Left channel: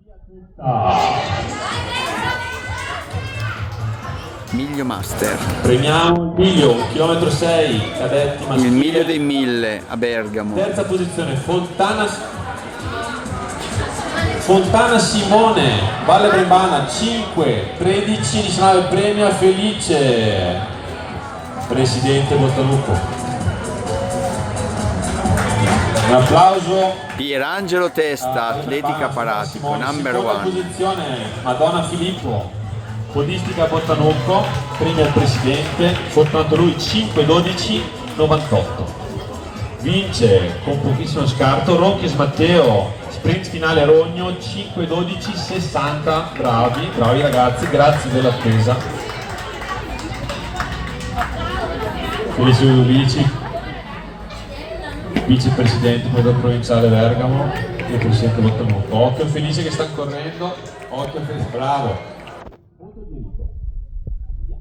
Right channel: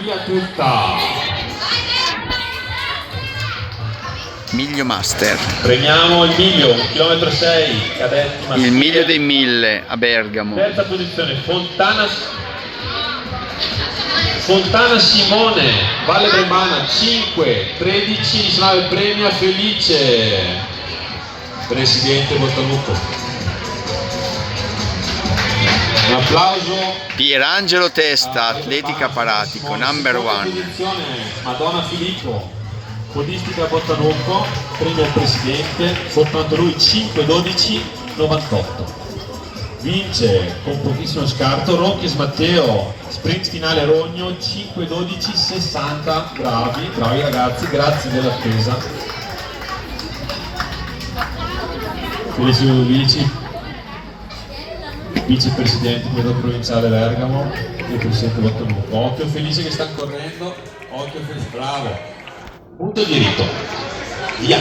Via tutta. Miglio Master. Premiamo il miglio, 1,6 km, cadetti maschili. Il miglio dei 1000 a Bergamo. Terza posizione, Fontana Simone, Valle Brebana, 5, 13, 19, premia Felice, presidente Bottalupo. Un applauso. Pierangelo Testa, atletica paratico, number Seconda one. posizione, Madonna Filippo, podistica Bottanucco, premia il presidente, soltanto lui 5, 12, 98. Vince con pochissimo scarto Ronchis Matteo, sprint finale Rogno, 5, 12, 60. Bravi ragazzi, grazie dell'attesa. Felice Ludovici, vicepresidente provinciale Bergamo e presidente Bottanucco. Occhio Felice che sta correndo, occhio Felice, bravo. Punto diritto, via.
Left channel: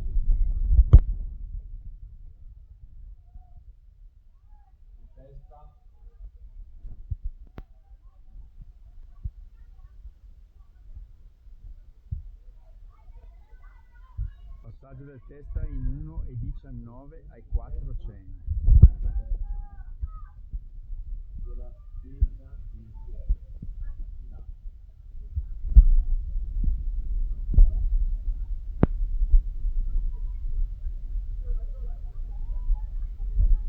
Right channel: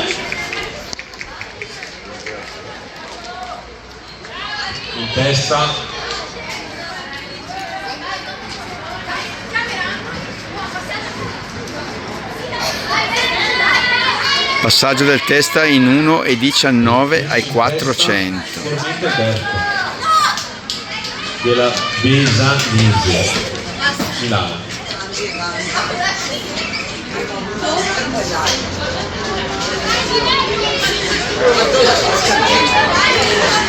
In testa Passaggio del Testa in 1,19 ai 400. sicuramente terzo della Besanese Milano.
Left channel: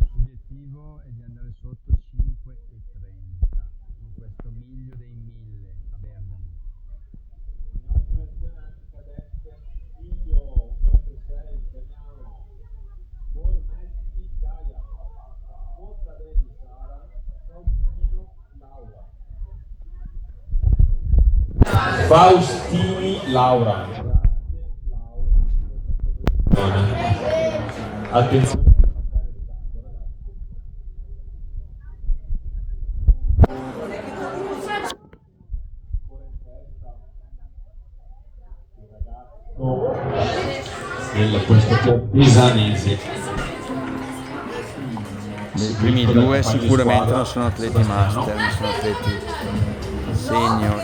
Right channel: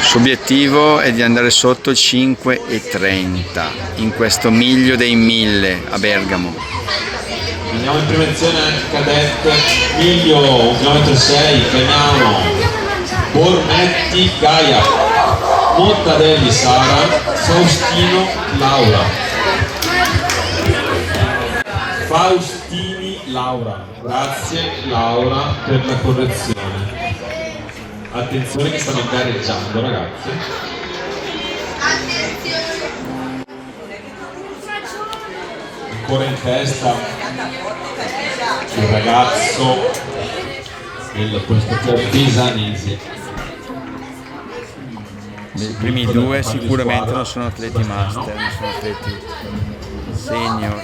Il suo obiettivo è di andare sotto 5,30 in questo miglio dei 1000 a Bergamo. Andiamo in prevenzione anche cadette, miglio 1,6 km, chiamiamo Bormetti Gaia, Montadelli Sara, Faustino Laura. Faustini Laura, grazie Laura per la correzione. Attenzione che stanno gareggiando ragazzi. Ancora in testa il ragazzo del questo Besanese. I primi due sicuramente non sono atleti master, non sono atleti senior.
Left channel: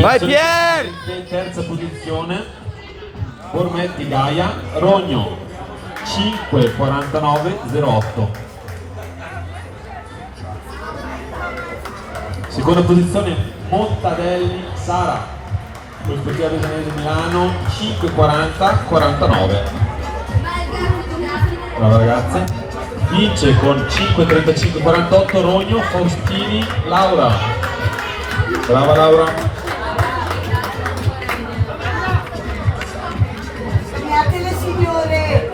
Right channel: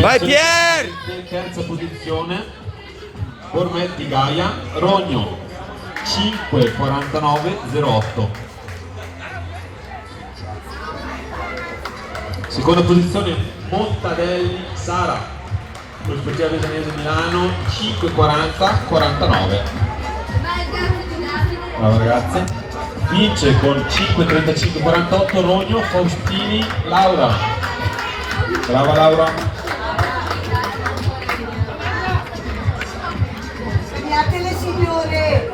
Vai Pier! Terza posizione Bormetti Gaia, Rogno 5,49,08. Seconda posizione Montadelli Sara, prospettiva Besanese Milano, 5,40,49. Brava ragazza. Vince con 5,35,48 Rogno Faustini Laura. Brava Laura. Premiate le signore!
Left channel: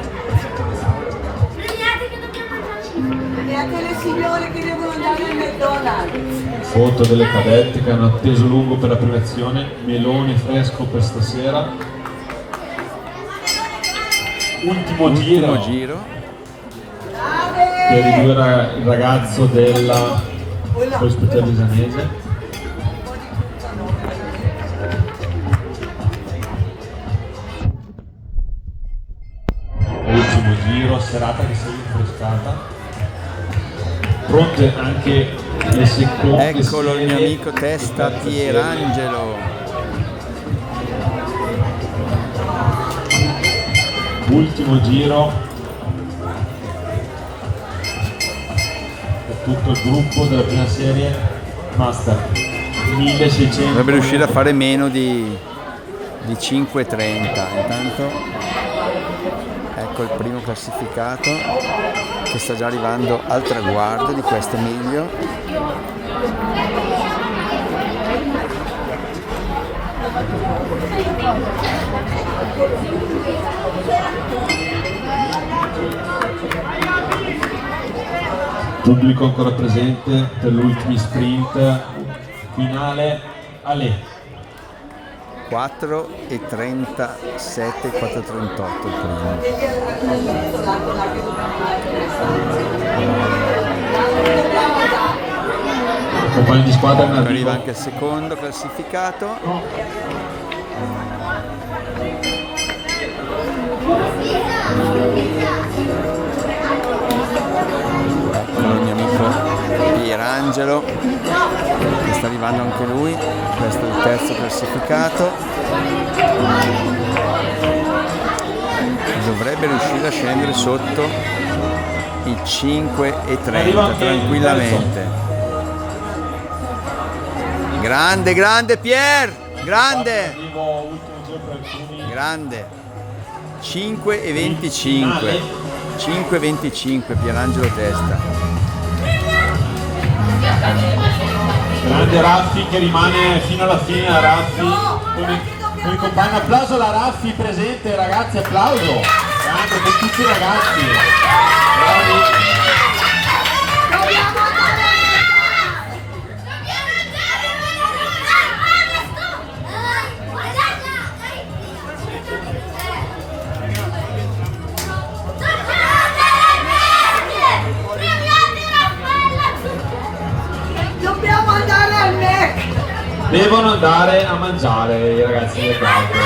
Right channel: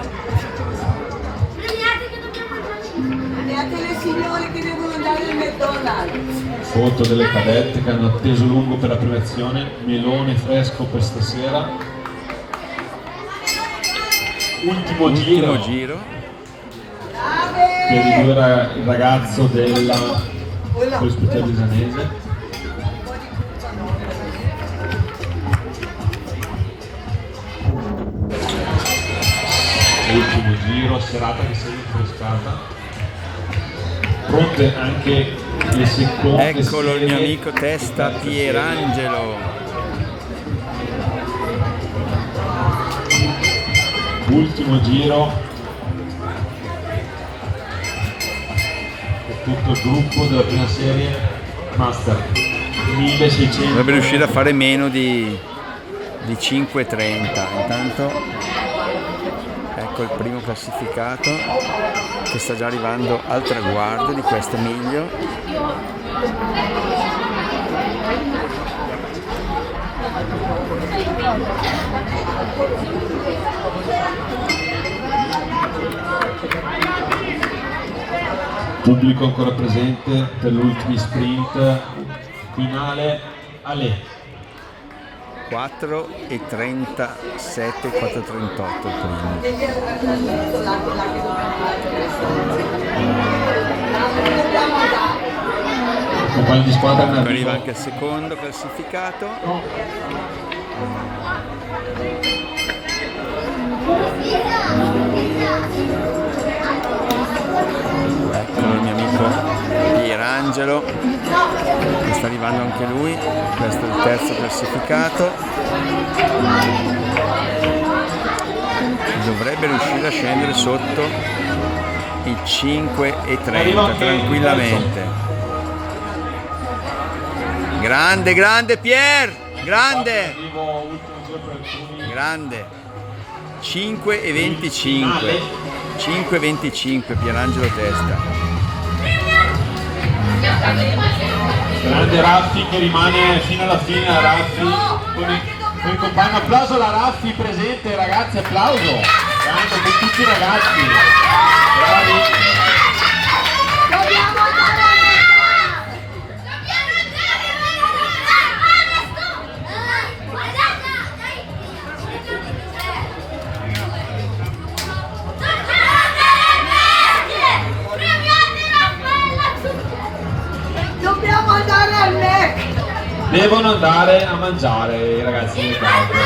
Premiate le signore che devono andare al McDonald's! Foto delle cadette che hanno atteso lungo per la premiazione, melone fresco per stasera. Ultimo Giro. per il ragazzo della ospitale Besanese. Ultimo giro, serata che si è rinfrescata. Pronte anche le seconde. Eccolo il mio amico Testa Pierangelo. Ultimo giro per tutto il gruppo della prima serie Master 1600. Dovrebbe riuscire a fare meno di 5,30. Intanto ecco il primo classificato che sta già arrivando al traguardo di questo miglio. Pubblico ancora presente per l'ultimo sprint finale. Ale 4,37, 4,38 il primo. compagni di squadra in Arriva anche il secondo classificato. No. Pierangelo, che sta arrivando anche lui. Questo è il terzo classificato. Dovrebbe riuscire a scendere sotto i 5,30 tranquillamente. Grande, grande Pier! Grande! Grande! 5,25. 5,25 Pierangelo Testa. Grande Raffi che rimane fino alla fine, la Raffi con il compagno. Applauso alla Raffi presente, ragazzi, applauso! Grande per tutti i ragazzi, bravi! Dobbiamo andare al Mac! Devono andare a mangiare i ragazzi del campo.